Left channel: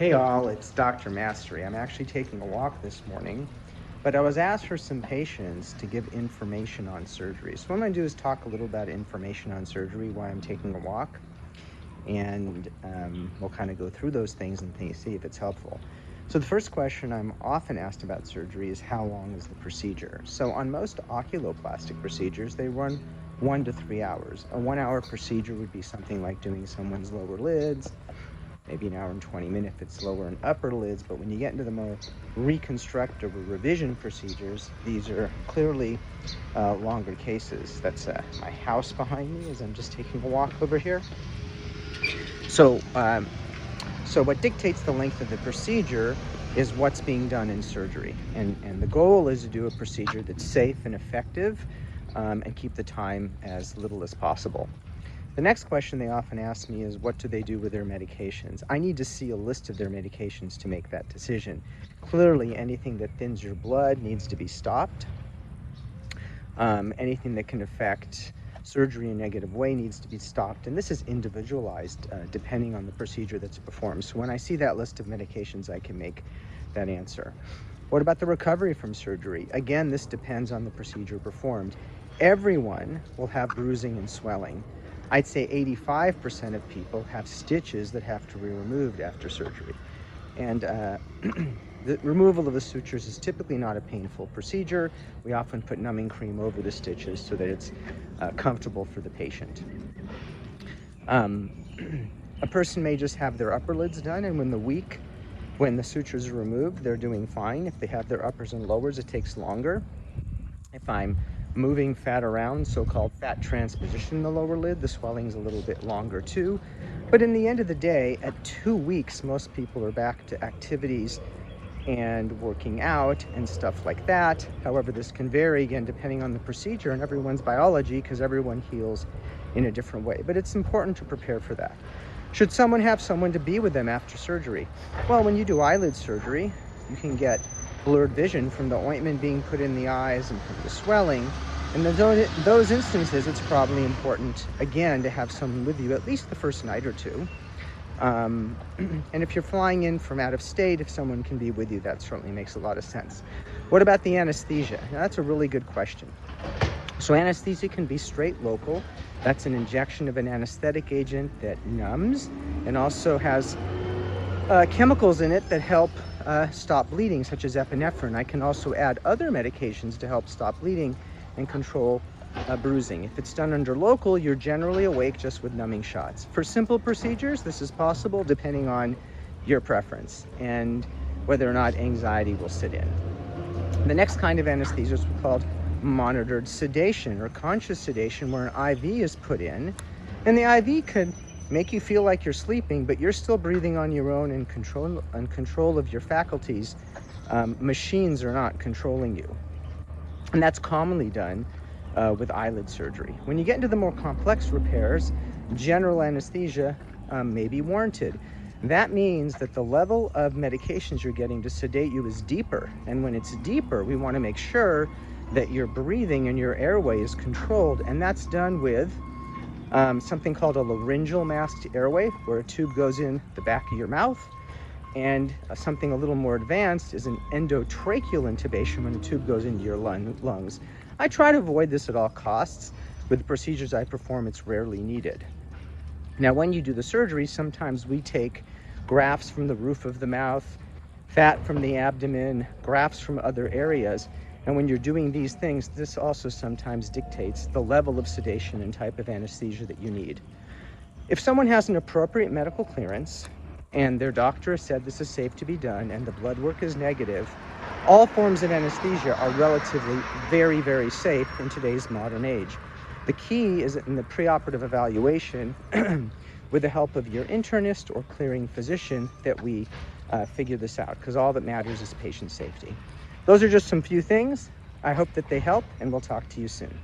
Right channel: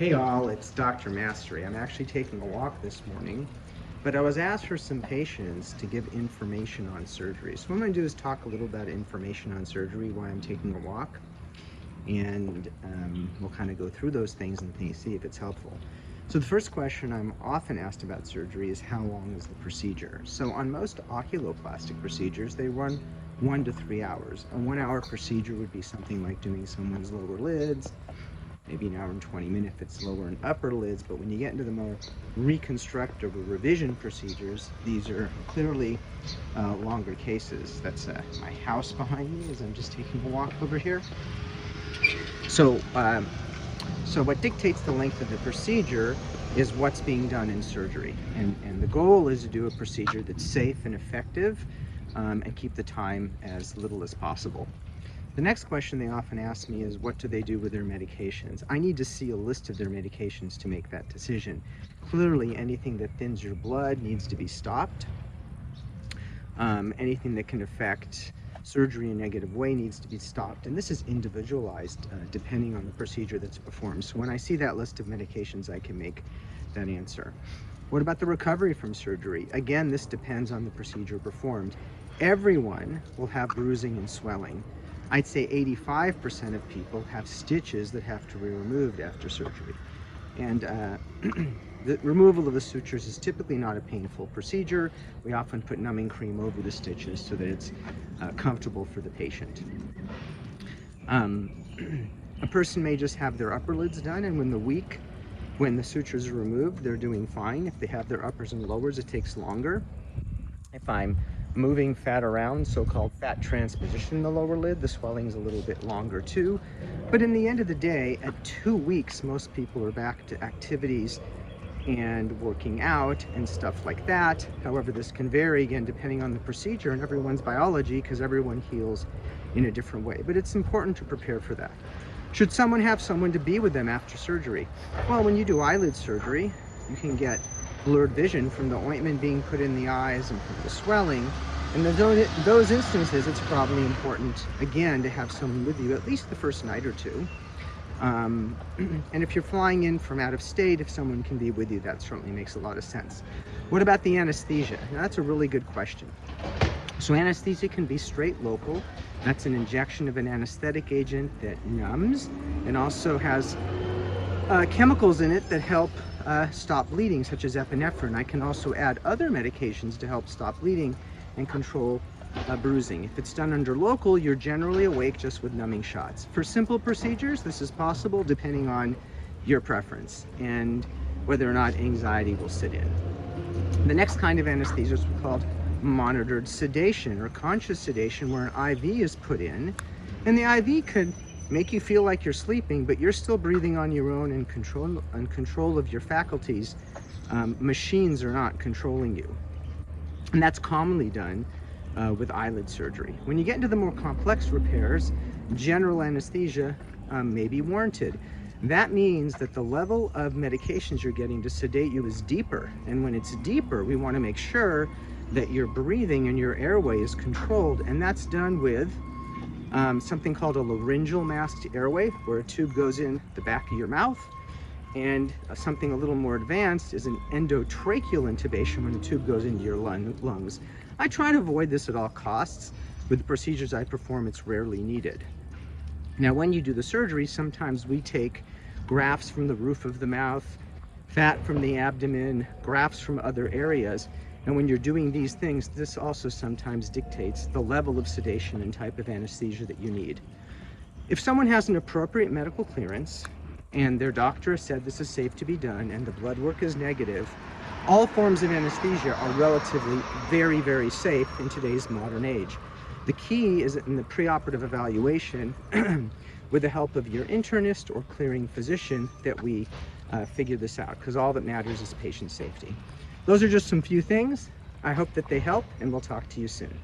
Hey all, it's Dr. Mastery. I'm actually taking a walk this morning, but I was asked for some patients to give information on surgery. So what I'm going to do is talk a little about information on surgery while I'm taking a walk, and we'll kind of go through those things and see if it's helpful. So the first question I'm often asked about surgery is how long is the procedure? So on most oculoplastic procedures, they run 1 to 3 hours. A 1-hour procedure would be something like doing someone's lower lids, maybe an hour and 20 minutes if it's lower and upper lids, but when you get into the more reconstructive or revision procedures, these are clearly longer cases. That's my house behind me as I'm just taking a walk over here. So what dictates the length of the procedure is what's being done in surgery. And the goal is to do a procedure that's safe and effective and keep the time as little as possible. The next question they often ask me is, what do they do with their medications? I need to see a list of their medications to make that decision. Clearly, anything that thins your blood needs to be stopped. Anything that can affect surgery in a negative way needs to be stopped. And this is individualized depending on the procedure that's performed. So when I see that list of medications, I can make that answer. What about the recovery from surgery? Again, this depends on the procedure performed. Everyone will have bruising and swelling. I'd say 85% of people have stitches that have to be removed after surgery. And the removal of the sutures is typically not a painful procedure. We often put numbing cream over the stitches so that it's comfortable for the patient. A person may just have their upper lids done, and when the sutures are removed, they're doing fine. If they have their uppers and lowers, it takes longer. If I'm moving fat around, so-called fat transposition in the lower lid, the swelling is a little bit longer too. But in the end of the day, at 2 weeks, most people are back to activities and working out and stuff like that. However, this can vary again depending on the procedure and everyone's biology, because everyone heals in a different way. But it's important to prepare for that. Should someone have someone to be with them after surgery? Well, when you do eyelid surgery, you can get blurred vision from the ointment being put in the eyes and from the swelling. And in those instances, it's probably important, again, to have someone with you at least the first night or two. And if you're flying in from out of state, if someone can be with you, that certainly makes a lot of sense. What about the anesthesia? Now, that's a really good question. So anesthesia can be straight local. That's an injection of an anesthetic agent that numbs and also has chemicals in it that help stop bleeding, such as epinephrine. I can also add other medications to help stop bleeding and control bruising. If it's done under local, you're generally awake just with numbing shots. For simple procedures, this is possible depending on your preference and whether or not anxiety will sit in. The next kind of anesthesia is called monitored sedation or conscious sedation, where an IV is put in, and the IV could make you feel like you're sleeping, but you're still breathing on your own and control of your faculties. Machines are not controlling you. And that's commonly done with eyelid surgery. When you get into the more complex repairs, general anesthesia may be warranted. That means that the level of medications you're getting to sedate you is deeper. And when it's deeper, we want to make sure that your breathing and your airway is controlled. And that's done with something called a laryngeal masked airway, where a tube goes in the back of your mouth. And something a little more advanced is an endotracheal intubation, when a tube goes into your lungs. I try to avoid this at all costs. With the procedures I perform, it's rarely needed. Now, when you do the surgery, sometimes we take grafts from the roof of the mouth, fat from the abdomen, grafts from other areas. And when you're doing these things, this also sometimes dictates the level of sedation and type of anesthesia that you need. If someone has an appropriate medical clearance and their doctor has said this is safe to be done and the blood work is negative, all forms of anesthesia are relatively very, very safe in today's modern age. The key is in the preoperative evaluation with the help of your internist or clearing physician that we figure this out, because all that matters is patient safety. Those are just some few things. I hope that they help, and we'll talk to you soon.